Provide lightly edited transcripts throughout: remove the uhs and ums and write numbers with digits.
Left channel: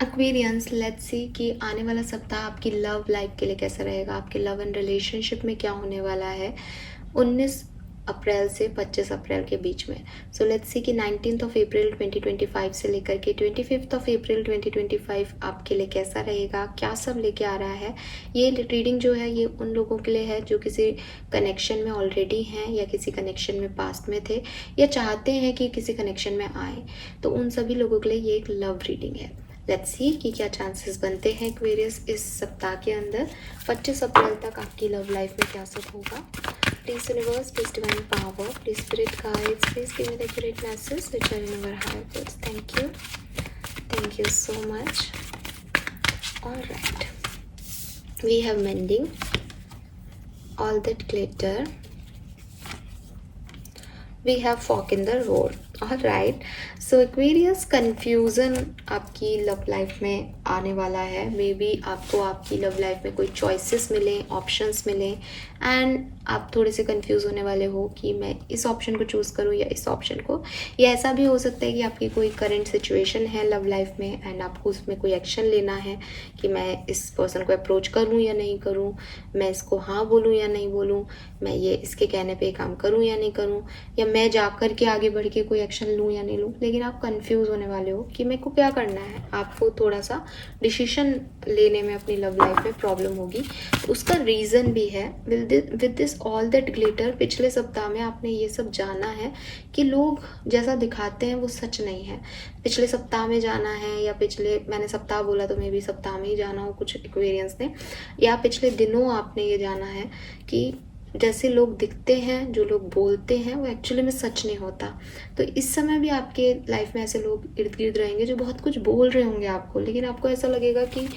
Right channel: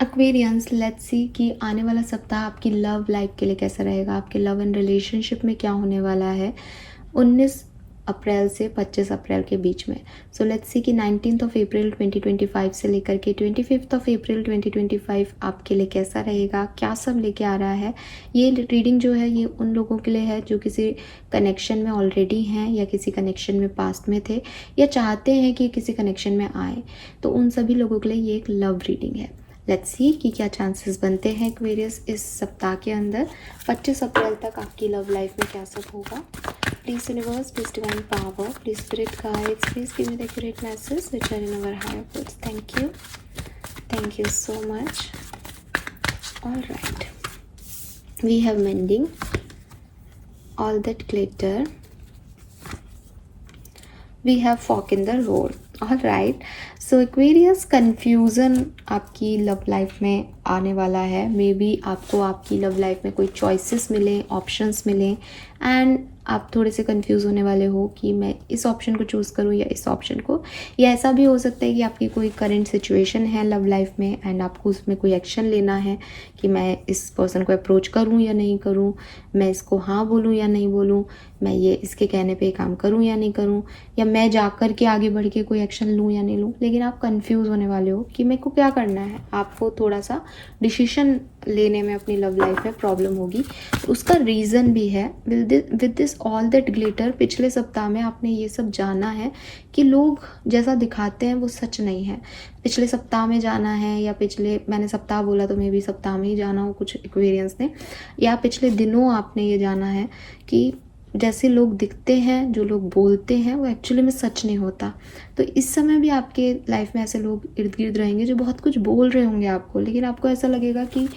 Aquarians, let's see कि आने वाला सप्ताह आपकी लव लाइफ के लिए कैसा रहेगा, आपके लव एंड रिलेशनशिप में क्या होने वाला है 19 अप्रैल से 25 अप्रैल के बीच में। सो लेट्स सी कि 19th ऑफ अप्रैल 2025 से लेकर के 25th ऑफ अप्रैल 2025 आपके लिए कैसा रहेगा, क्या सब लेके आ रहा है। ये रीडिंग जो है ये उन लोगों के लिए है जो किसी कनेक्शन में ऑलरेडी हैं या किसी कनेक्शन में पास्ट में थे या चाहते हैं कि किसी कनेक्शन में आए, तो उन सभी लोगों के लिए ये एक लव रीडिंग है। लेट्स सी कि क्या चांसेस बनते हैं एक्वेरियस इस सप्ताह के अंदर 25 अप्रैल तक आपकी लव लाइफ में क्या सब होगा। Please universe, please divine power, please spirit guides, please give me the accurate message which are in our higher thoughts. Thank you so much. Alright, we have mending, all that glitter, we have fork in the road. Alright, so Aquarius, confusion आपकी love life में आने वाला है। May be आपको आपकी love life में कोई choices मिले, ऑप्शंस मिले एंड आप थोड़े से कंफ्यूज होने वाले हो कि मैं इस ऑप्शन को चूज़ करूँ या इस ऑप्शन को। या ऐसा भी हो सकता है कि आपकी कोई करंट सिचुएशन है लव लाइफ में एंड आपको उसमें कोई एक्शन लेना है कि मैं इस पर्सन को अप्रोच करूँ या नहीं करूँ, मैं इसको हाँ बोलूँ या नहीं बोलूँ, मैं ये इसके कहने पे काम करूँ या नहीं करूँ, या मैं जा कर के आगे बढ़ के कोई एक्शन लूँ या नहीं लूँ। लेकिन आप कंफ्यूज होने वाले हो कि मेरे को क्या करना है। आपको थोड़ा सा डिसीजन लेने में अपनी लव लाइफ में प्रॉब्लम होगी। उसका रीज़न भी है with this all that glitter. पिछले सप्ताह में आपने ये सब जाना है कि लोग जैसा दिखाते हैं वो सच नहीं है। पिछले सप्ताह में जाना है या मैंने सप्ताह बोला तो मे भी सप्ताह में ही जाना हो कुछ एक्वेरियंस ने, या पिछले दिनों आपने ये जाना है कि जैसे लोग दिखते हैं, जो लोग बोलते हैं वो एक्चुअली में सच नहीं होता। तो इस समय भी आपके लाइफ में ऐसे लोग इर्द गिर्द रहेंगे जो बहुत कुछ बोल रहे होंगे आपको, लेकिन आपको ऐसा लगेगा कि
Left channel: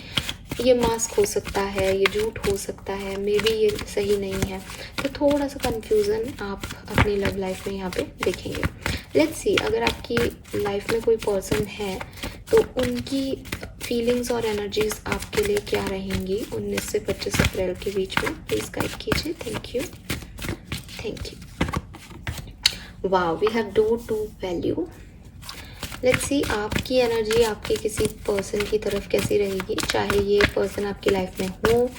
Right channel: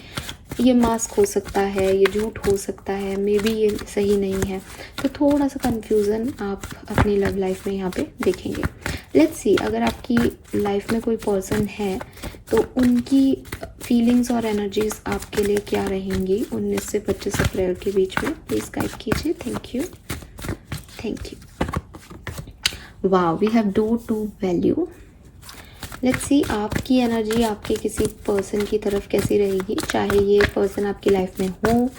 ये मास्क हो सकता है, ये झूठ हो सकता है, मे बी ये सही नहीं है। तो थोड़ा सा कन्फ्यूज़न आप अपनी लव लाइफ में यहाँ पे देखेंगे। लेट्स सी, अगर आपकी लाइफ में कोई पर्सन है तो उनकी फीलिंग्स और एनर्जीज आपके लिए क्या रहेंगी 19 से 25 अप्रैल के बीच में। प्लीज़ गाइड कीजिए। Thank you. वाह, we have do to value. Let's see, आपकी एनर्जी आपके किसी पर्सन की तरफ कैसी रहेगी, चाहे ये पर्सन आपकी लाइफ में हो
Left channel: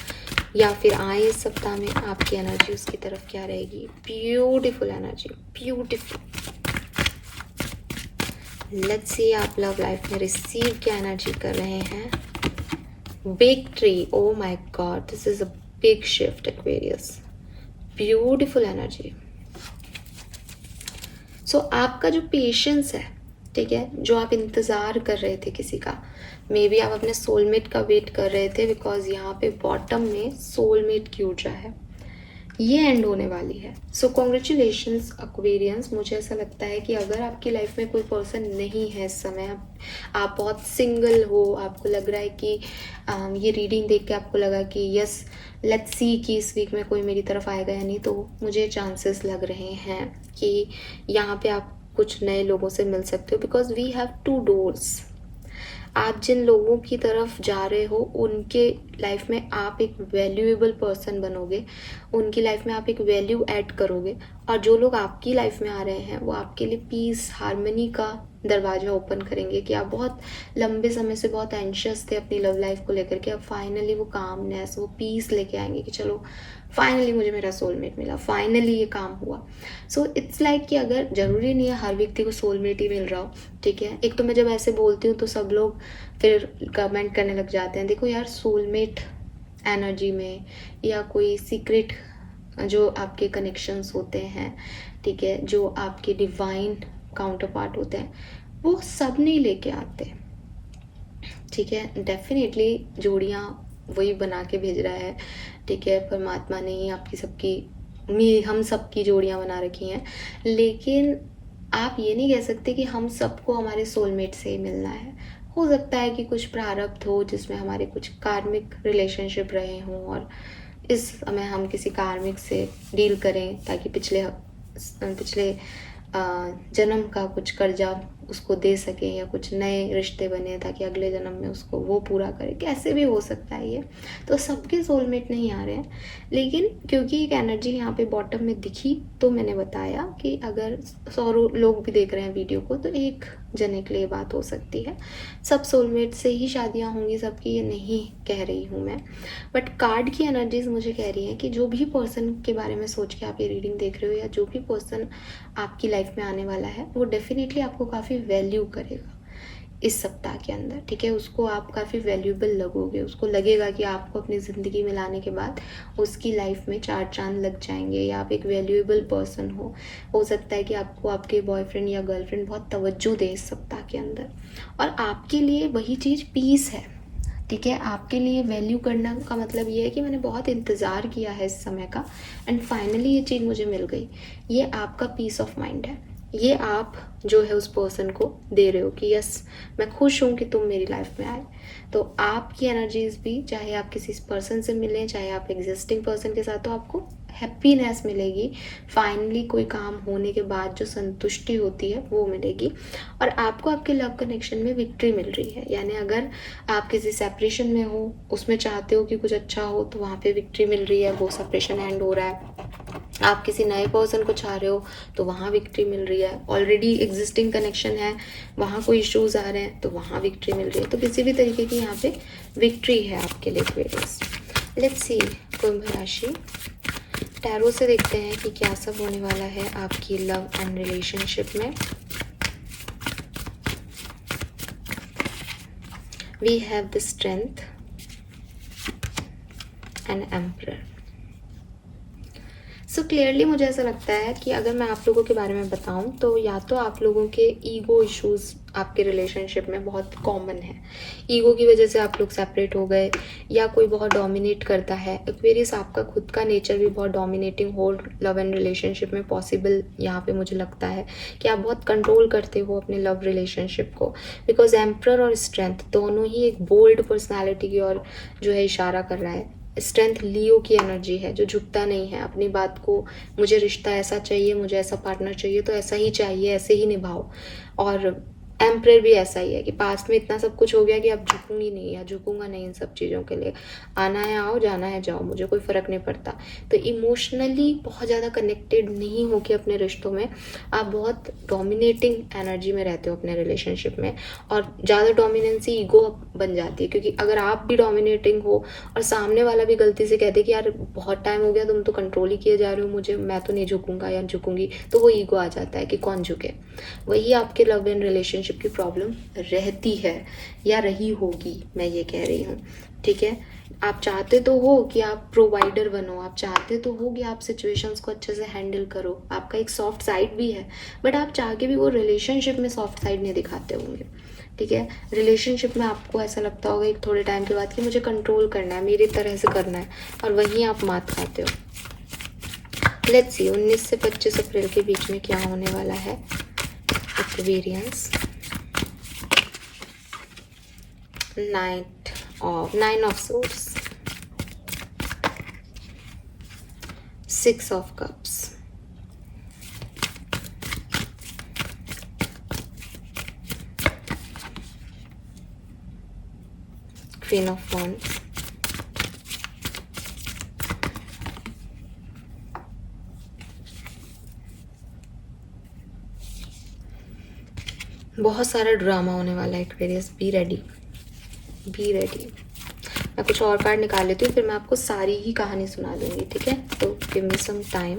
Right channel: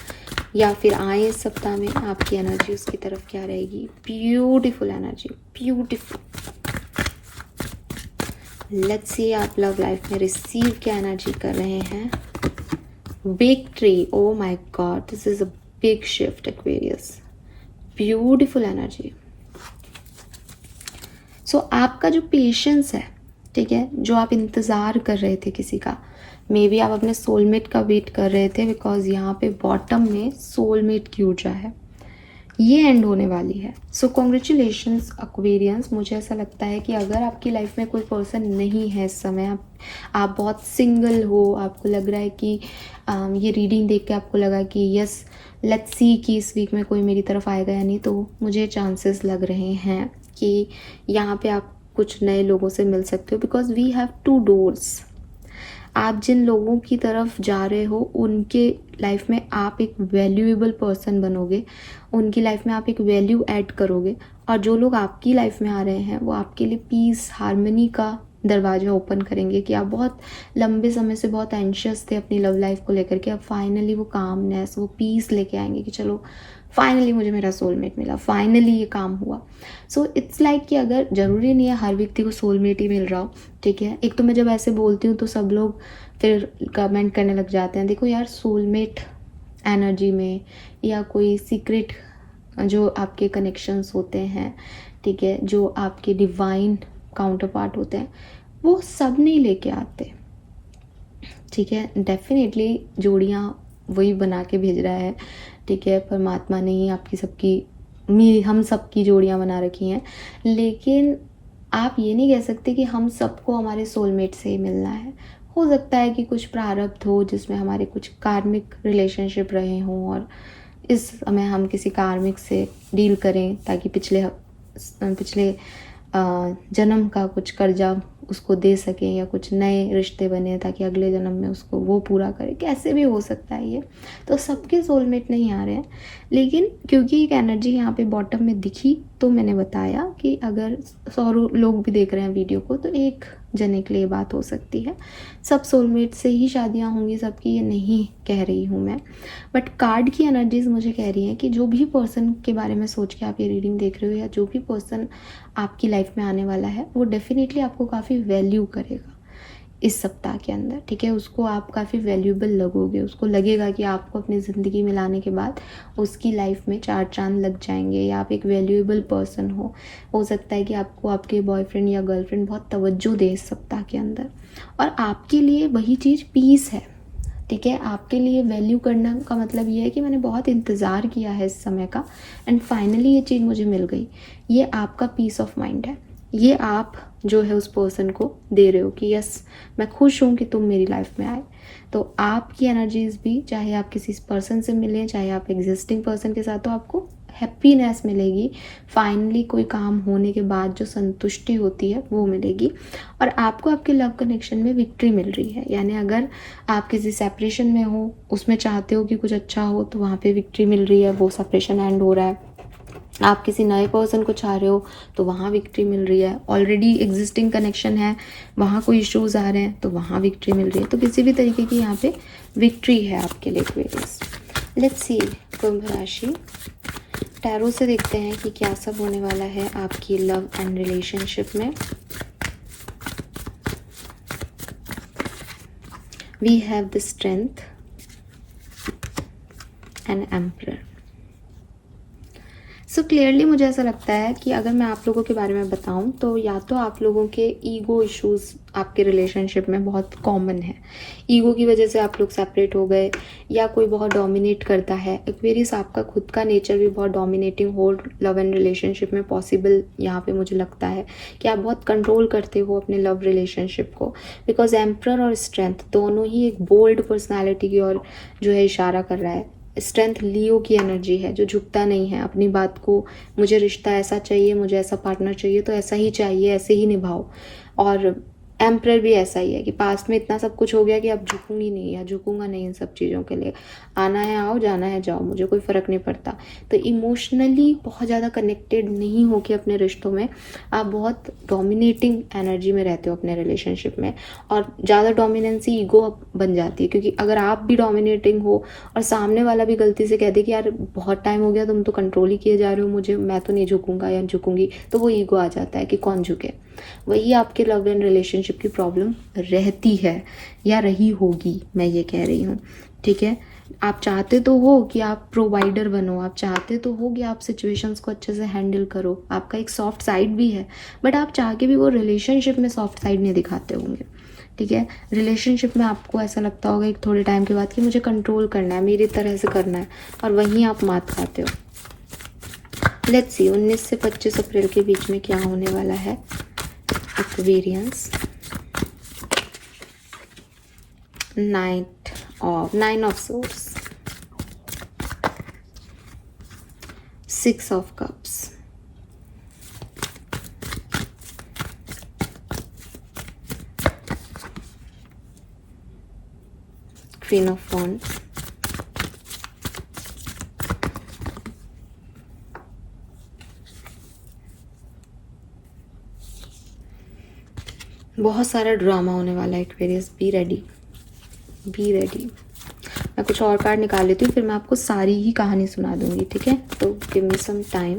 या फिर आए इस सप्ताह में, आपकी एनर्जी उसकी तरफ क्या रहेगी। Beautiful energy, beautiful. Let's see, आप लव लाइफ में रिसीव क्या एनर्जी कर रहे हैं। Victory, oh my God, this is a big shift Aquarius. Beautiful energy. So आपका जो पेशेंस है, ठीक है, जो आप इंतज़ार कर रहे थे किसी का, मे बी आप अपने सोलमेट का वेट कर रहे थे, बिकॉज यहाँ पे बॉटम में सोलमेट की ऊर्जा है, ये एंड होने वाली है। सो कॉन्ग्रेचुलेशंस एक्वेरियंस। मुझे ऐसा लगता है कि अगर आपकी लाइफ में कोई पर्सन नहीं है इस समय, आप बहुत सिंगल हो, आपको लग रहा है कि ये रीडिंग देख के आपको लगा कि यस लेट्स सी कि इस वीक में कोई मेरी तरफ आएगा या नहीं, तो मुझे चांसेस लग रहे हैं कि यहाँ पे आप कुछ नए लोगों से मिल सकते हो, बिकॉज वी हैव 2 डोर्स। आप जिन लोगों की तरफ जा रहे हो उनके लाइफ में आप एक वैल्यूएबल पर्सन बनोगे, उनकी लाइफ में आप एक वैल्यू ऐड करोगे, और जो लोग आपकी लाइफ में आ रहे हैं वो आपके लिए पीस, हार्मनी का दरवाजा ओपन करेंगे कि आप बहुत लंबे समय से बहुत एंशियस थे अपनी लव लाइफ को लेकर के, अब फाइनली वो कामनेस, वो पीस लेके आएंगे कि चलो फाइनली मुझे मेरा सोलमेट मिला, फाइनली ये काम हुआ। सो इट्स लाइक कि अगर ज़रूरी नहीं है हर व्यक्ति को सोलमेट ही मिल रहा हो, ठीक है। एक तो मैं जब ऐसे बोलती हूँ तो सब लोग फिर कमेंट करने लग जाते हैं, देखो यार सोलमेट एनर्जी में या कोई सीक्रेट जो आपके कनेक्शंस होते हैं, ठीक है, जो आपके डिवाइन काउंटर पार्ट होते हैं, वो सब नहीं लेके आते, ठीक है। डेफिनेटली जोड़ियाँ वही बना के भेज रहा है, ठीक है, परमात्मा ने ही आपकी सबकी हम सबकी जोड़ियाँ बना रखी हैं, लेकिन आप ये नहीं कह सकते कि हम सबको हमारे सोलमेट से ही मिलना है। हो सकता है कि कुछ प्रारब्ध हो जिसमें हमारे कुछ कार्मिक रिलेशनशिप रहे हों और इस समय हम किसी कार्मिक से डील करें ताकि पिछले जन्म का कुछ कर्जा उसको दे सकें, या कुछ नए रिश्ते बने ताकि अगले जन्म में उसको वो पूरा करे। कैसे भी हो सकता है ये, तो सबके सोलमेट नहीं आ रहे हैं, लेकिन क्योंकि एक एनर्जी यहाँ पे बॉटम में दिखी तो मैंने बताया कि अगर 100 लोग भी देख रहे हैं वीडियो को तो एक जने के लिए बात हो सकती है। सब सोलमेट से ही शादियाँ होंगी सबकी, ये नहीं कह रही हूँ मैं, बट कार्ड की एनर्जीज मुझे कह रही हैं कि जो भी पर्सन के बारे में सोच के आप ये रीडिंग देख रहे हो, या जो भी पर्सन आपकी लाइफ में आने वाला है, वो डेफिनेटली आपको काफ़ी वैल्यू करेगा इस सप्ताह के अंदर, ठीक है। उसको आप काफ़ी वैल्यूएबल लगोगे, उसको लगेगा कि आपको अपनी ज़िंदगी में लाने के बाद उसकी लाइफ में 4 चांद लग जाएंगे, या आप एक वैल्यूएबल पर्सन हो सकता है कि आपको आपके बॉयफ्रेंड या गर्लफ्रेंड बहुत तवज्जो दे इस सप्ताह के अंदर, और आपके लिए वही चीज़ पीस है, ठीक है। आपके लिए वैल्यू करना का मतलब ये है कि मैंने बहुत इंतज़ार किया है इस समय का, एंड फाइनली ये चीज़ मुझे मिल गई। ये आपका पीस ऑफ माइंड है, ये आप जो है उस पर्सन को दे रहे हो कि यस, मैं खुश हूँ कि तुम मेरी लाइफ में आए। तो आपकी एनर्जीज भी, चाहे आप किसी पर्सन से मिलें, चाहे आप एग्जिस्टिंग पर्सन के साथ, तो आपको हैप्पीनेस मिलेगी। फाइनली कोई काम होने के बाद जो संतुष्टि होती है वो मिलेगी, और आपको आपके लव कनेक्शन में विक्ट्री मिल रही है। यानी अगर आप किसी सेपरेशन में हो, उसमें चाहते हो कि कुछ अच्छा हो, तो वहाँ पे विक्ट्री मिल रही है, वो सेपरेशन एंड हो रहा है। आप किसी नए पर्सन को चाह रहे हो तो वहाँ विक्ट्री मिल रही है। ऑलरेडी एग्जिस्टिंग कनेक्शन है, वहाँ कोई इश्यूज आ रहे हैं तो वहाँ विक्ट्री मिल रही है। तो किसी भी तरीके की यहाँ पे विक्ट्री है आपके लिए एक्वेरियस। लेट्स सी कुंभ राशि, टैरो से देखते हैं कि क्या सब होने वाला है आपकी लव एंड रिलेशनशिप में। We have the strength and emperor. So clearly मुझे ऐसा लगता है कि अगर मैं आप लोगों के बारे में बताऊं तो या तो आप लोगों के ईगो इश्यूज आपके रिलेशनशिप में बहुत कॉमन है, ईगो की वजह से आप लोग सेपरेट हो गए, या कोई बहुत डोमिनेट करता है। एक्वेरियस आपका खुद का नेचर भी बहुत डोमिनेटिंग हो लव एंड रिलेशनशिप में पॉसिबल यहाँ पे मुझे लगता है कि आप बहुत कंट्रोल करते हो अपने लव रिलेशनशिप को, बिकॉज एम्परर और स्ट्रेंथ दोनों ही एक बोल्ड पर्सनैलिटी की ओर जो है इशारा कर रहा है। स्ट्रेंथ लियो की एनर्जी है, जो झुकता नहीं है अपनी बात को, मुझे रिश्ता ऐसा चाहिए, मुझे ऐसा पार्टनर चाहिए तो ऐसा ही चाहिए, ऐसे ही निभाओ। और एम्परर भी ऐसा ही है कि पास्ट में इतना सब कुछ हो गया कि अब झुकूंगी नहीं या झुकूंगा नहीं इन सब चीज़ों के लिए, आना है आओ, जाना है जाओ, मुझे कोई फ़र्क नहीं पड़ता। तो इमोशनली बहुत ज़्यादा कनेक्टेड नहीं हो कि अपने रिश्तों में आप बहुत डोमिनेटिंग एनर्जी में रहते हो अपने रिलेशनशिप में, और ज़्यादा डोमिनेंसी ईगो बन जाती है, क्योंकि अगर आप भी डोमिनेटिंग हो और सामने वाला भी गलती से कह दे कि यार बहुत टाइम हो गया, तुम तो कंट्रोल ही किए जा रहे हो मुझे, मैं तो नहीं झुकूंगा या झुकूंगी, तो वो ईगो आ जाता है कि कौन झुके। वही आपके लव एंड रिलेशनशिप की प्रॉब्लम रहती है या रही होगी, मैं ये कह रही हूँ, ठीक है। आप चाहते तो हो कि आप प्रोवाइडर बनो, आप चाहते तो हो कि आप सिचुएशंस को अच्छे से हैंडल करो, आपका एक सॉफ्ट साइड भी है, बट आप चाह के भी वो रिलेशनशिप में सॉफ्ट साइड नहीं दिखाते होंगे, ठीक है। रिलेशनशिप में आपको ऐसा लगता होगा एक थोड़े टाइम के बाद कि मुझे कंट्रोल करना है, मेरी तरह से करना है, और वहीं आप मात खाते हो। लेट्स सी 19 से 25 अप्रैल के बीच में क्या होने वाला है Aquarians. Nine of swords, 6 of cups, queen of wands, बहुत सारा ड्रामा होने वाला है Aquarius, be ready, be ready. मैं कुछ और कार्ड निकाल लेती हूँ, फिर मैं आपको सारी ही कहानी सुना दूंगी, ठीक है। तो give me some time.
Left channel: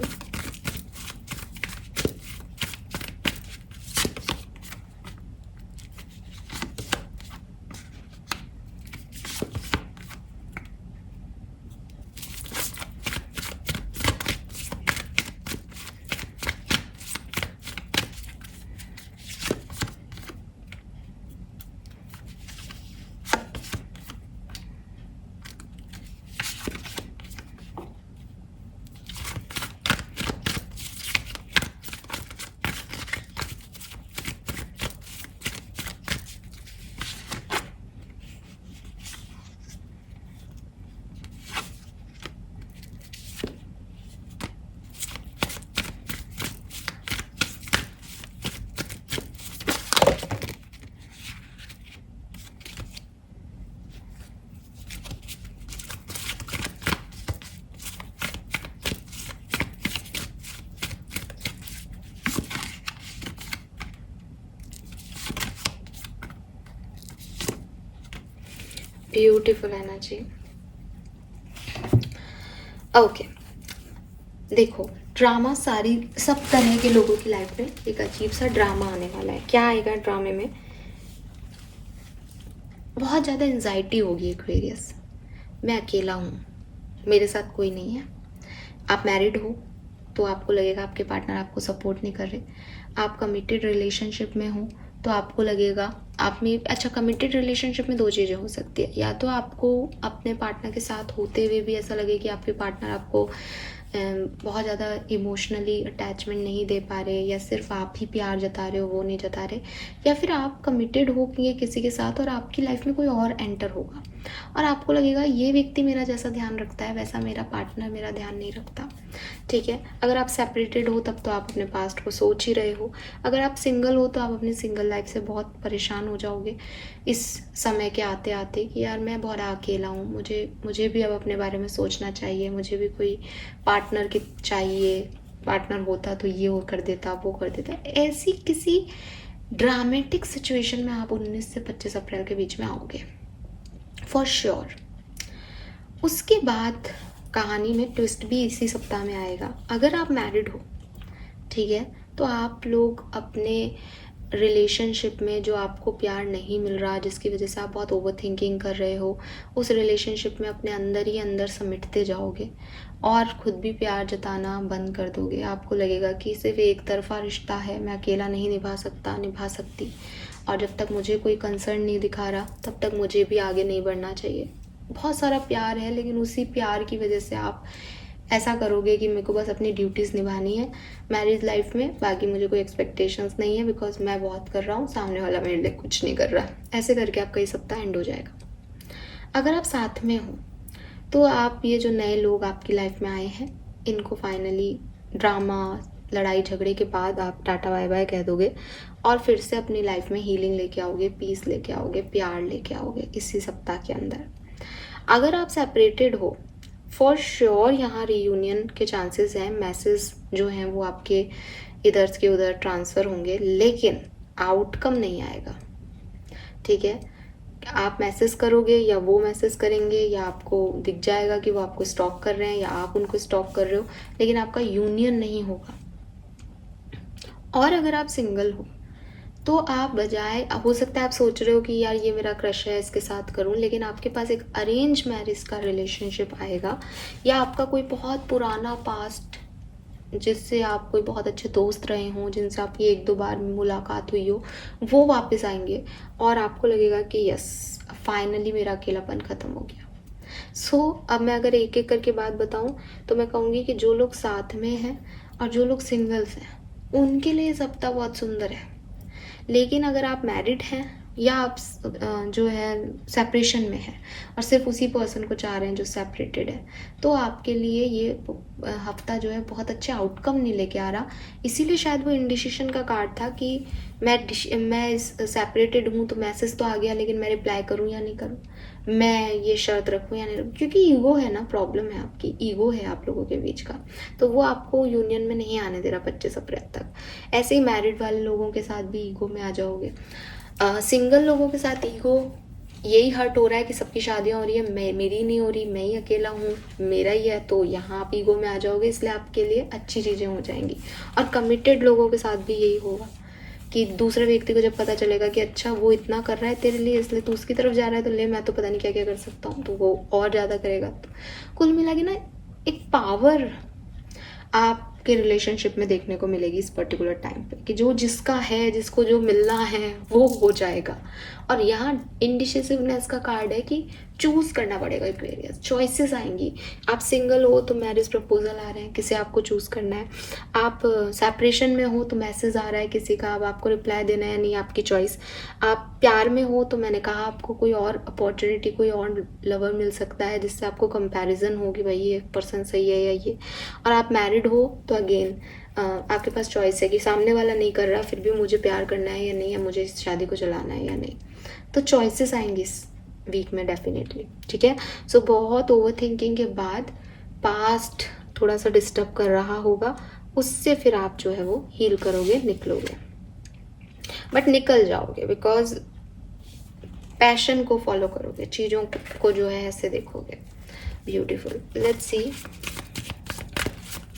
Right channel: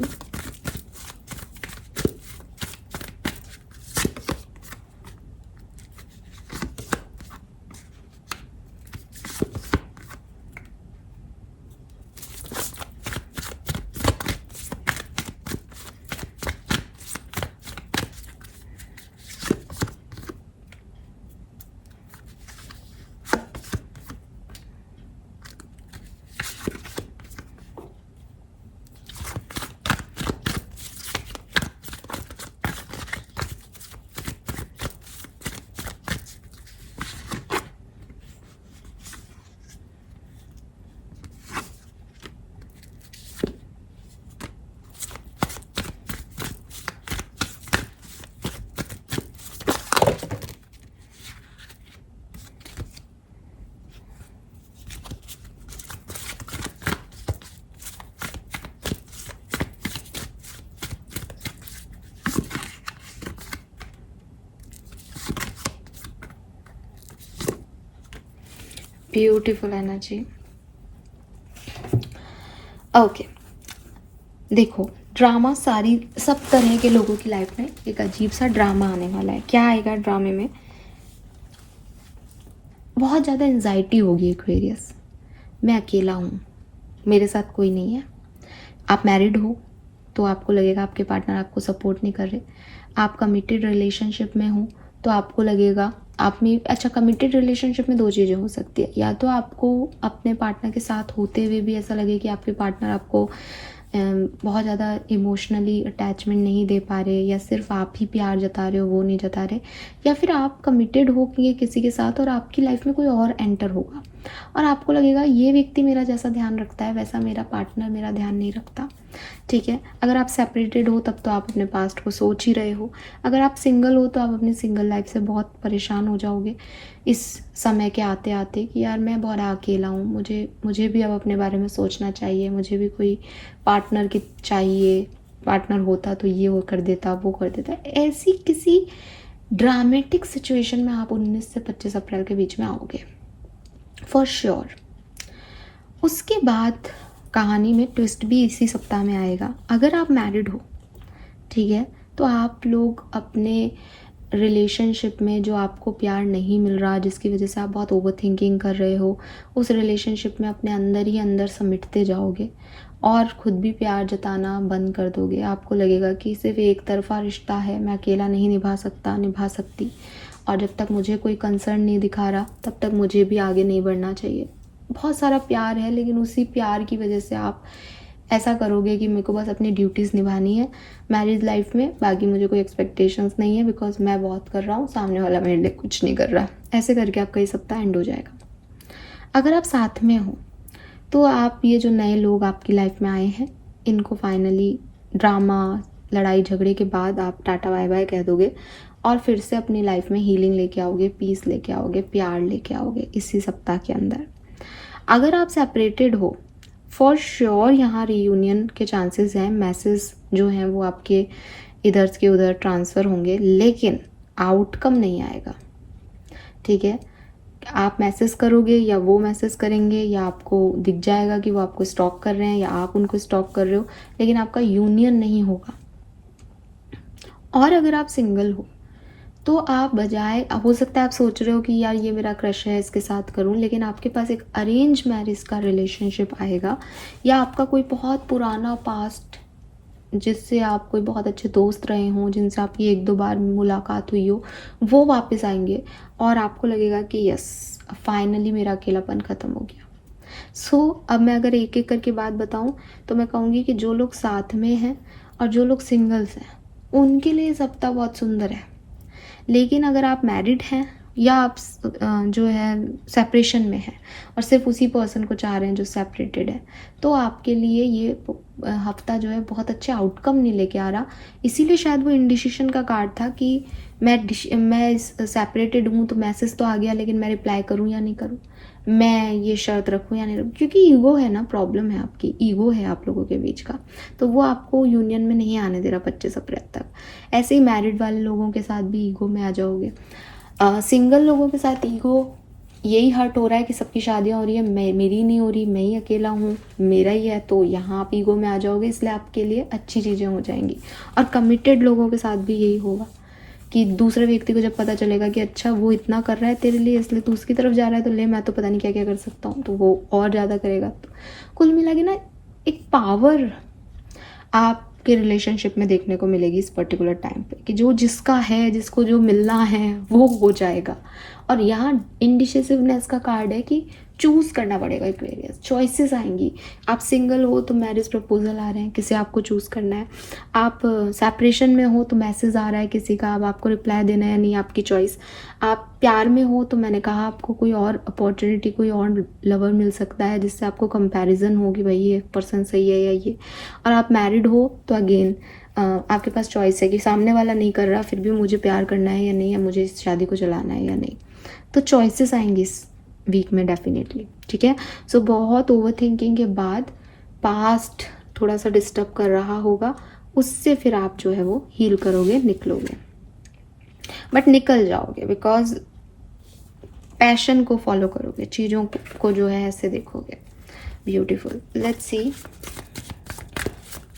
Beautiful energy. Okay, देखो ड्रामा सब तरह के लोगों की लाइफ में एक अजीब सा ड्रामा आने वाला है। क्या आएगा ड्रामे में? बहुत ज़्यादा एंजाइटी होगी एक्वेरियस। मैं अकेला हूँ, मेरे साथ कोई नहीं है। आप मैरिड हो तो आपको लगेगा आपके पार्टनर आपको सपोर्ट नहीं कर रहे। आप कमिटेड रिलेशनशिप में हो तो आपको लगेगा आप में, अच्छा कमिटेड रिलेशनशिप में दो चीज़ें हो सकती है, या तो आपको अपने पार्टनर के साथ होते हुए भी ऐसा लगे कि आपके पार्टनर आपको बहुत ज़्यादा इमोशनली अटैचमेंट नहीं दे पा रहे, या सिर्फ आप ही प्यार जता रहे हो वो नहीं जता रहे, या फिर आप कमिटेड हो कि किसी के साथ और आपकी लाइफ में कोई और एंटर होगा और आपको लगेगा ये व्यक्ति मेरा जैसा ध्यान रखता है वैसा मेरा पार्टनर मेरा ध्यान नहीं रखता। ठीक है, अगर आप सेपरेटेड हो तब तो आप अपने पास्ट को सोच ही रहे हो। अगर आप सिंगल हो तो आप अपनी सिंगल लाइफ से बहुत परेशान हो जाओगे इस समय के आते आते कि यार मैं बहुत अकेला हूँ, मुझे भी अब अपने बारे में सोचना चाहिए, मुझे भी कोई पार्टनर की चाहिए, पार्टनर होता तो ये वो कर देता वो कर देता। ऐसी किसी ड्रामेटिक सिचुएशन में आप 19 से 25 अप्रैल के बीच में आओगे फॉर श्योर। उसके बाद कहानी में ट्विस्ट भी इसी सप्ताह में आएगा। अगर आप मैरिड हो, ठीक है, तो आप लोग अपने रिलेशनशिप में जो आपको प्यार नहीं मिल रहा, जिसकी वजह से आप बहुत ओवर थिंकिंग कर रहे हो, उस रिलेशनशिप में अपने अंदर ही अंदर समेटते जाओगे और खुद भी प्यार जताना बंद कर दोगे। आपको लगेगा कि सिर्फ एक तरफा रिश्ता है, मैं अकेला नहीं निभा सकता निभा सकती, और जब तक मुझे कोई कंसर्न नहीं दिखा रहा तब तक मुझे भी आगे नहीं बढ़ना चाहिए। बहुत सारा प्यार है लेकिन उसी प्यार की वजह से आप ऐसा करोगे कि मेरे को बस अपनी ड्यूटीज़ निभानी है मैरिज लाइफ में, बाकी मुझे कोई एक्सपेक्टेशंस नहीं है बिकॉज मैं बहुत कर रहा हूँ, सामने वाला मेरे लिए कुछ नहीं कर रहा। ऐसे करके आपका ये सप्ताह एंड हो जाएगा। अगर आप साथ में हो तो आप ये जो नए लोग आपकी लाइफ में आए हैं इनको फाइनली ड्रामा लड़ाई झगड़े के बाद आप टाटा बाय बाय कह दोगे और फिर से अपनी लाइफ में हीलिंग लेके आओगे, पीस लेके आओगे, प्यार लेके आओगे इसी सप्ताह के अंदर। अगर आप सेपरेटेड हो फॉर श्योर यहाँ रीयूनियन के चांसेस हैं, मैसेज जो हैं वो आपके इधर के उधर ट्रांसफ़र होंगे लेकिन आउटकम नहीं आएगा। ठीक है, आप मैसेज करोगे या वो मैसेज करेंगे या आपको दिख जाएगा कि वो आपको स्टॉक कर रहे हैं या आप उनको स्टॉक कर रहे हो, लेकिन आपका यूनियन नहीं होगा। और अगर आप सिंगल हो तो आप बजाय, हो सकता है आप सोच रहे हो कि यार ये मेरा क्रश है इसके साथ करूं, लेकिन आपके पास एक अरेंज मैरिज का रिलेशनशिप आएगा या आपका कोई बहुत पुराना पास्ट जिससे आप कोई बहुत अच्छे दोस्त रहे हों, जिनसे आपकी 1-2 बार मुलाकात हुई हो, वो वापस आएंगे और आपको लगेगा कि यस फाइनली मेरा अकेलापन ख़त्म हो गया। सो अब मैं अगर एक एक करके बात बताऊं तो मैं कहूँगी कि जो लोग साथ में हैं और जो लोग सिंगल्स हैं उनके लिए सप्ताह बहुत सुंदर है। लेकिन अगर आप मैरिड हैं या आप जो है सेपरेशन में है और सिर्फ उसी पर्सन को चाह रहे हैं जो सेपरेटेड है, तो आपके लिए ये हफ्ता जो है बहुत अच्छे आउटकम नहीं लेके आ रहा। इसीलिए शायद वो इंडिसीजन का कार्ड था कि मैं सेपरेटेड हूँ तो मैसेज तो आ गया लेकिन मैं रिप्लाई करूँ या नहीं करूँ, मैं ये शर्त रखूँ या नहीं रखूँ, क्योंकि ईगो है ना, प्रॉब्लम है आपकी, ईगो है आप लोगों के बीच का, तो वो आपको यूनियन में नहीं आने दे रहा 25 अप्रैल तक। ऐसे ही मैरिड वाले लोगों के साथ भी ईगो में आ जाओगे। सिंगल लोगों के साथ ईगो यही हर्ट हो रहा है कि सबकी शादियाँ हो रही है, मेरी नहीं हो रही, मैं ही अकेला हूँ, मेरा ही है, तो यहाँ आप ईगो में आ जाओगे, इसलिए आपके लिए अच्छी चीज़ें हो जाएंगी। और कमिटेड लोगों के साथ भी यही होगा कि दूसरे व्यक्ति को जब पता चलेगा कि अच्छा वो इतना कर रहा है तेरे लिए इसलिए तू उसकी तरफ जा रहा है तो ले मैं तो पता नहीं क्या क्या कर सकता हूँ, तो वो और ज़्यादा करेगा। तो कुल मिला के ना एक पावर आपके रिलेशनशिप में देखने को मिलेगी इस पर्टिकुलर टाइम पे कि जो जिसका है, जिसको जो मिलना है वो हो जाएगा। और यहाँ इंडिसिसिवनेस का कार्ड है कि चूज़ करना पड़ेगा, एक्वेरियस चॉइसेस आएंगी। आप सिंगल हो तो मैरिज प्रपोजल आ रहे हैं, किसी आपको चूज़ करना है। आप सेपरेशन में हो तो मैसेज आ रहा है किसी का, अब आपको रिप्लाई देना है या नहीं आपकी चॉइस। आप प्यार में हो तो मैंने कहा आपको कोई और अपॉर्चुनिटी, कोई और लवर मिल सकता है जिससे आपको कंपैरिजन होगी भाई ये पर्सन सही है या ये। और आप मैरिड हो तो अगेन आपके पास चॉइस है कि सामने वाला नहीं कर रहा फिर भी मुझे प्यार करना है या नहीं, या मुझे इस शादी को चलाना है या नहीं। तो चॉइसेस आएंगी इस वीक में डेफिनेटली। ठीक है, सो बहुत ओवर थिंकिंग के बाद पास्ट थोड़ा सा डिस्टर्ब कर रहा होगा, उससे फिर आप जो है वो हील करोगे, निकलोगे, बट निकल जाओगे बिकॉज पैशन को फॉलो करोगे, चीज़ों को जो है ऐसे देखोगे। ब्यूटीफुल। लेट्स सी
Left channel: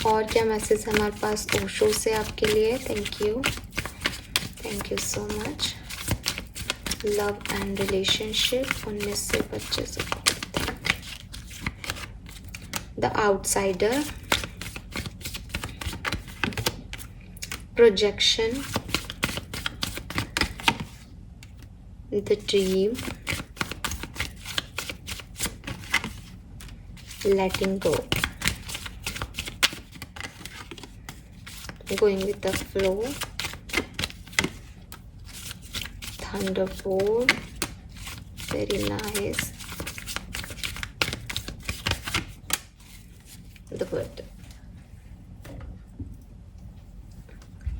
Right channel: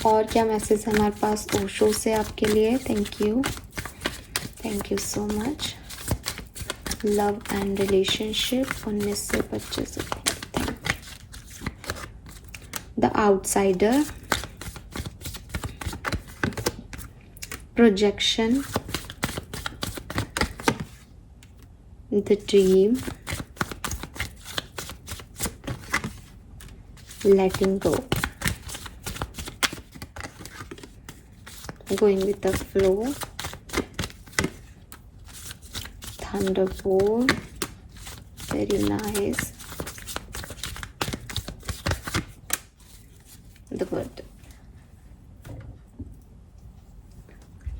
और क्या मैसेज है हमारे पास ओशो से आपके लिए। Thank you so much. Love and relationship 19 से 25। The outsider, projection, the dream, letting go, going with the flow, thunderbolt, very nice, the bird।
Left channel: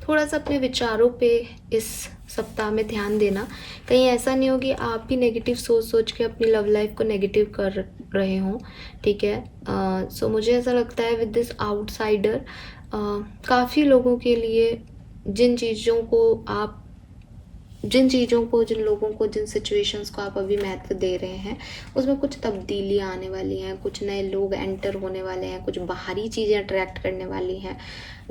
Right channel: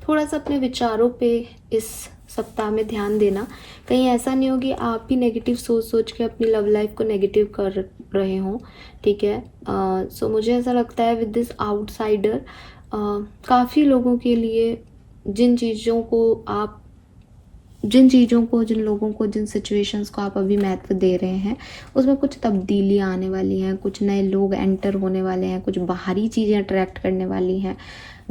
थोड़ा सा अपने विचारों पे इस सप्ताह में ध्यान देना, कहीं ऐसा नहीं हो कि आप भी नेगेटिव सोच के अपनी लव लाइफ को नेगेटिव कर रहे हों, ठीक है। सो मुझे ऐसा लगता है विद दिस आउटसाइडर काफ़ी लोगों के लिए जिन लोगों को जिन सिचुएशंस को आप अभी महत्व दे रहे हैं उसमें कुछ तब्दीलियाँ आने वाली हैं, कुछ नए लोग एंटर होने वाले हैं, कुछ बाहरी चीज़ें अट्रैक्ट करने वाली हैं।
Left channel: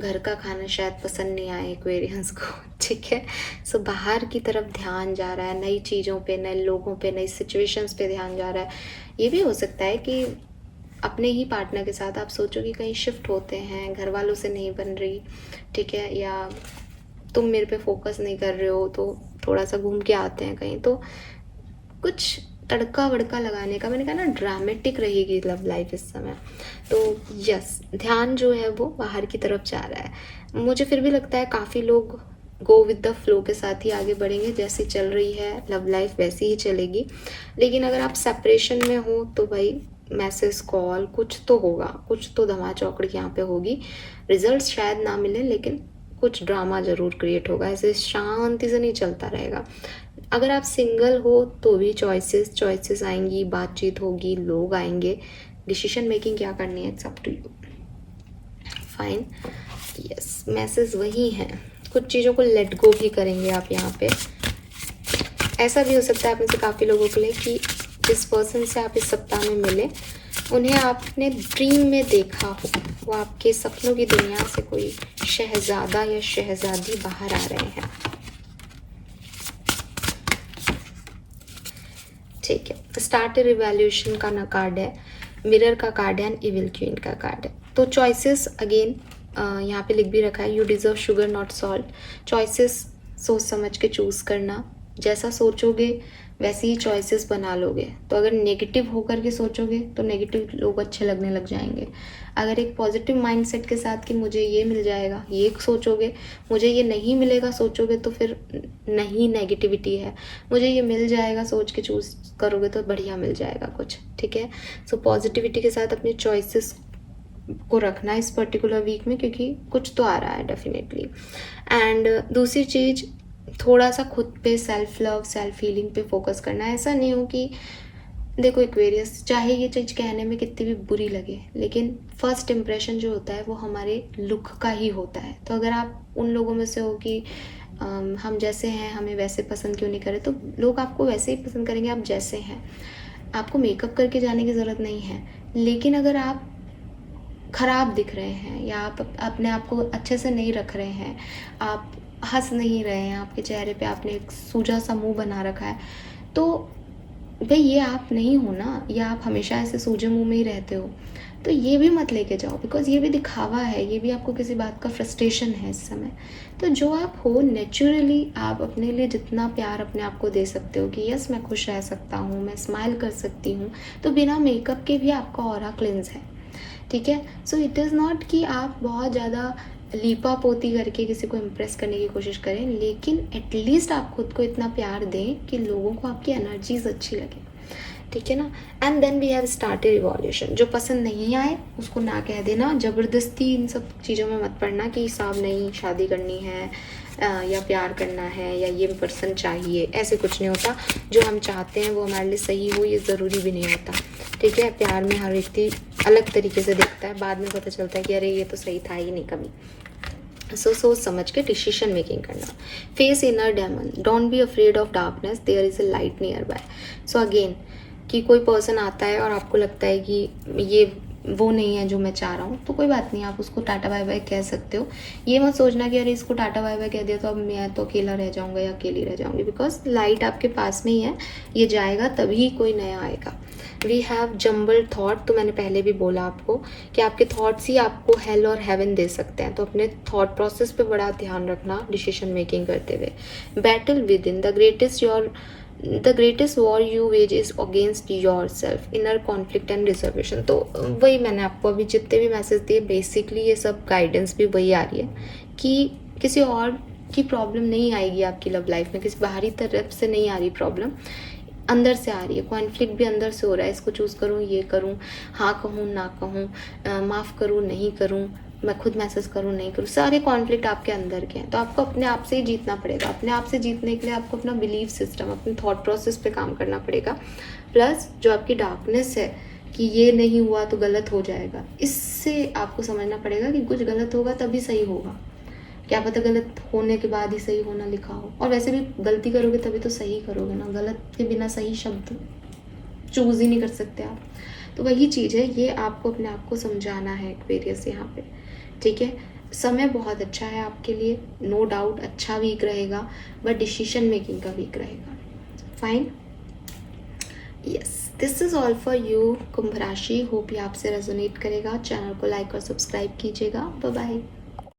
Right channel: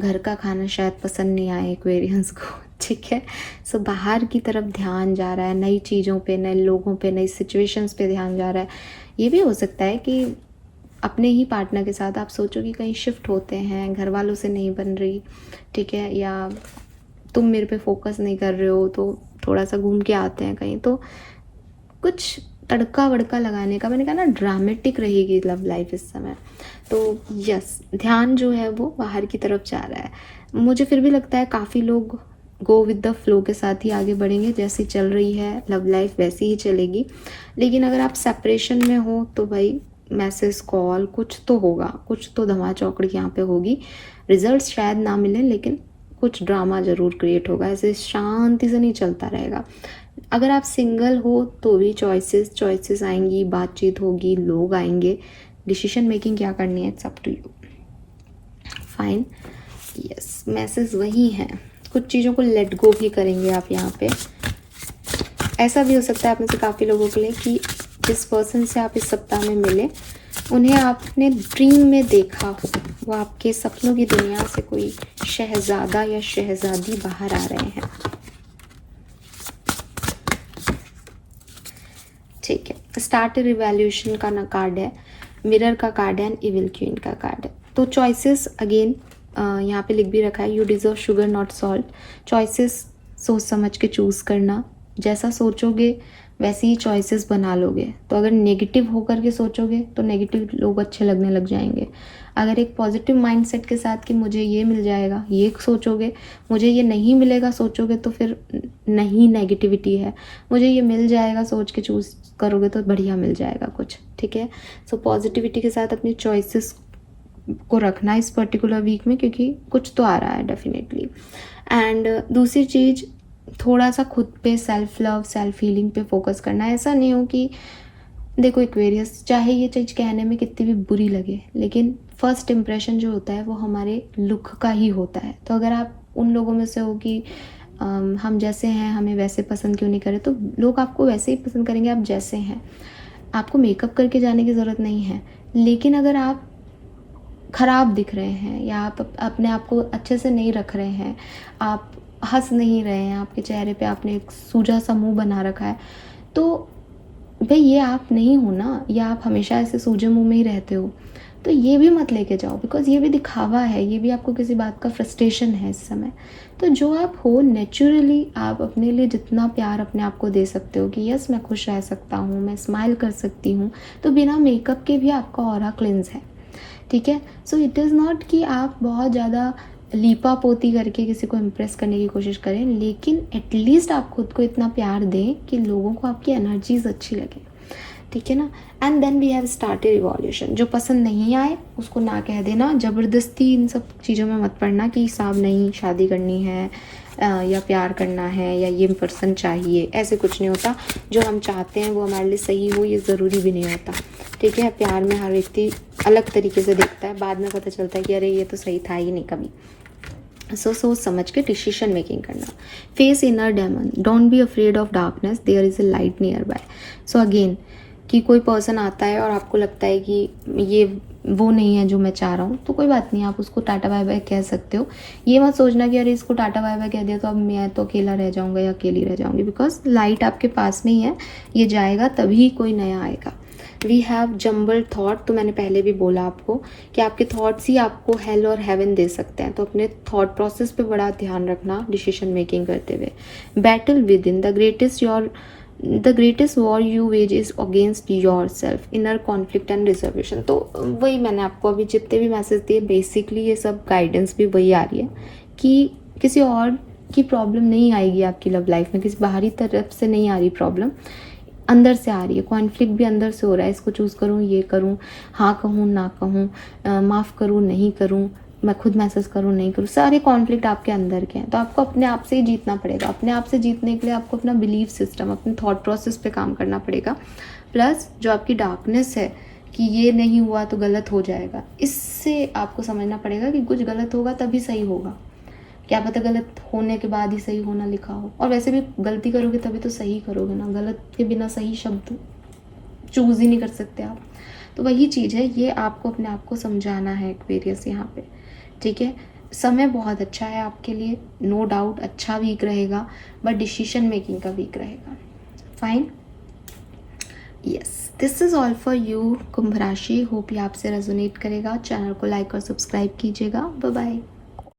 घर का खाना शायद पसंद नहीं आए एक्वेरियंस को, ठीक है। सो बाहर की तरफ ध्यान जा रहा है, नई चीज़ों पे, नए लोगों पे, नई सिचुएशंस पे ध्यान जा रहा है। ये भी हो सकता है कि अपने ही पार्टनर के साथ आप सोचो कि कहीं शिफ्ट होते हैं, घर वालों से नहीं बन रही, ठीक है, या तुम मेरे पे फोकस नहीं कर रहे हो तो थोड़ा सा घूम के आते हैं कहीं। तो कुछ तड़का वड़का लगाने का, मैंने कहा ना ड्रामेटिक रहेगी लव लाइफ इस समय। तो यस, ध्यान जो है वो बाहर की तरफ जा रहा है। मुझे फिर भी लगता है काफ़ी लोग गो विद द फ्लो के साथ ही आगे बढ़ेंगे, जैसी चल रही है लव लाइफ वैसी ही चलेगी। लेकिन अगर आप सेपरेशन में हो तो भाई मैसेज कॉल कुछ तो होगा, कुछ तो धमा चौकड़ी यहाँ पे होगी। रिजल्ट शायद ना मिले लेकिन कुछ ड्रामा ज़रूर क्रिएट होगा, ऐसे शांति से नहीं चलता रहेगा। अगर आप सिंगल हो तो भी चॉइसेस आएंगी, बातचीत होगी, लोग आएंगे, डिसीजन मेकिंग क्या करनी है it's up to you. Fine, yes, message वही है। कुछ चीज़ों को लेट गो भी करेंगे आप यहाँ पे। ऐसा भी हो सकता है आप में से काफ़ी लोगों के लिए कि जिस पर्सन से आप इस सप्ताह में मिले उन्हें आपने ड्रीम में देखा हो, वो आपके सपनों की दुनिया से कोई शहजादा या शहजादी बाहर आ रहे हैं, ठीक है। स्टार्ट रिवैल्यूएशन का ना कार्ड है, मिरर का कार्ड है एंड इविल क्वीन का कार्ड है। तो चॉइसेस अगेन यहाँ पे लिख भी रखा है, you deserve sugar not salt. Choices सोच समझ के चूज़ करना, जैसा सोचोगे वैसे ही चॉइसेस बना लोगे। तो अगर नेगेटिव होकर के सोचोगे तो नेगेटिव लोग अच्छे लगने लग जाएंगे। अगर एक पॉजिटिव माइंडसेट के साथ कि मुझे ये मिल जाएगा ये सोचोगे, मुझे ये नहीं मिलेगा सोचोगे तो फिर नहीं नेगेटिविटी है, मुझे ये मिल जाएगा सोच के चूज़ करोगे तो बढ़िया मिल जाएगा कुछ, ठीक है। सो पॉजिटिविटी के साथ अपनी चॉइसेस को रखना इस पर्टिकुलर वीक में, क्योंकि कुछ तो आ रहा है डेफिनेटली। एंड दूसरी चीज़, थोड़ा सा खुद पे सेल्फ लव, सेल्फ हीलिंग पे फोकस करना है। ऐसा नहीं हो कि देखो एक्वेरियस, चाहे ये चीज़ कहने में कितनी भी बुरी लगे लेकिन फर्स्ट इम्प्रेशन जो होता है वो हमारे लुक का ही होता है। तो अगर आप उन लोगों में से हो कि हम जैसे हैं हमें वैसे पसंद क्यों नहीं करे, तो लोग आपको वैसे ही पसंद करेंगे आप जैसे हैं। आपको मेकअप करके जाने की ज़रूरत नहीं है। लेकिन अगर आप ख़राब दिख रहे हैं या आप अपने आप को अच्छे से नहीं रख रहे हैं, आप हंस नहीं रहे हैं, आपके चेहरे पे आपने एक सूजा सा मुंह बना रखा है, तो भाई ये आप नहीं हो ना, या आप हमेशा ऐसे सूजे मुंह में ही रहते हो, तो ये भी मत लेके जाओ, बिकॉज ये भी दिखावा है, ये भी आपको किसी बात का फ्रस्ट्रेशन है इस समय। तो जो आप हो नेचुरली, आप अपने लिए जितना प्यार अपने आप को दे सकते हो कि यस मैं खुश रह सकता हूँ, मैं स्माइल कर सकती हूँ, तो बिना मेकअप के भी आपका ऑरा क्लिंस है, ठीक है। सो इट इज़ नॉट कि आप बहुत ज़्यादा लीपा पोती करके किसी को इम्प्रेस करने की कोशिश करें, लेकिन एटलीस्ट आप खुद को इतना प्यार दें कि लोगों को आपकी एनर्जीज अच्छी लगे, ठीक है ना। And then we have started revolution. जो पसंद नहीं आए उसको ना कह देना, ज़बरदस्ती इन सब चीज़ों में मत पड़ना कि साहब नहीं शादी करनी है या प्यार करना है या ये पर्सन चाहिए, ऐसे कुछ नहीं होता। जो हम चाहते हैं वो हमारे लिए सही हो ये ज़रूरी भी नहीं होता, ठीक है। प्यार में हर व्यक्ति अलग तरीके से देखता है, बाद में पता चलता है कि अरे ये तो सही था ही नहीं कभी, सो सोच समझ के डिसीजन मेकिंग करना. Face inner demon, don't be afraid of darkness, there is a light nearby. So again कि कोई पर्सन आता है और आपको लगता है कि ये वो नहीं है जो मैं चाह रहा हूँ, तो कोई बात नहीं, आप उसको टाटा बाय बाय कह सकते हो. ये मत सोचना कि अरे इसको टाटा बाय बाय कह दिया तो अब मैं तो अकेला रह जाऊँगा या अकेली रह जाऊँगी, बिकॉज लाइट आपके पास में ही है. ये जाएगा तभी कोई नया आएगा. वी हैव जम्बल थॉट, तो मैंने पहले भी बोला आपको कि आपके थॉट्स ही आपको हेल और हेवन दे सकते हैं, तो अपने थॉट प्रोसेस पे बड़ा ध्यान रखना डिसीजन मेकिंग करते हुए. Battle within the greatest war you wage is against yourself, inner conflict and reservation. तो वही मैंने आपको अभी जितने भी मैसेज दिए, बेसिकली ये सब गाइडेंस भी वही आ रही है कि किसी और की प्रॉब्लम नहीं आएगी आपकी लव लाइफ में, किसी बाहरी तरफ से नहीं आ रही प्रॉब्लम, अंदर से आ रही है. कॉन्फ्लिक्ट भी अंदर से हो रहा है, इसको चूज़ करूँ ये करूँ, हाँ कहूँ ना कहूँ, माफ़ करूँ नहीं करूँ, मैं खुद मैसेज करूँ नहीं करूँ, सारे कॉन्फ्लिक्ट आपके अंदर के हैं. तो आपको अपने आप से ही जीतना पड़ेगा. अपने आप से जीतने के लिए आपको अपना बिलीफ सिस्टम, अपने थॉट प्रोसेस पे काम करना पड़ेगा. प्लस जो आपकी डार्कनेस है कि ये नहीं हुआ तो गलत हो जाएगा, इससे आपको समझना पड़ेगा कि कुछ गलत होगा तभी सही होगा. क्या पता गलत होने के बाद ही सही होना लिखा हो, और वैसे भी गलती करोगे तभी तो सही करोगे ना. गलत के बिना सही शब्द चूज़ ही नहीं कर सकते आप. तो वही चीज़ है, ये आपको अपने आप को समझाना है एक्वेरियस यहाँ पे. ठीक है, समय बहुत अच्छा है आपके लिए, नो डाउट अच्छा वीक रहेगा, बट डिसीजन मेकिंग का वीक रहेगा. Fine, yes, this is all for you Kumbh rashi. Hope ये आपसे रेजोनेट करेगा. चैनल को लाइक और सब्सक्राइब कीजिएगा. Bye bye.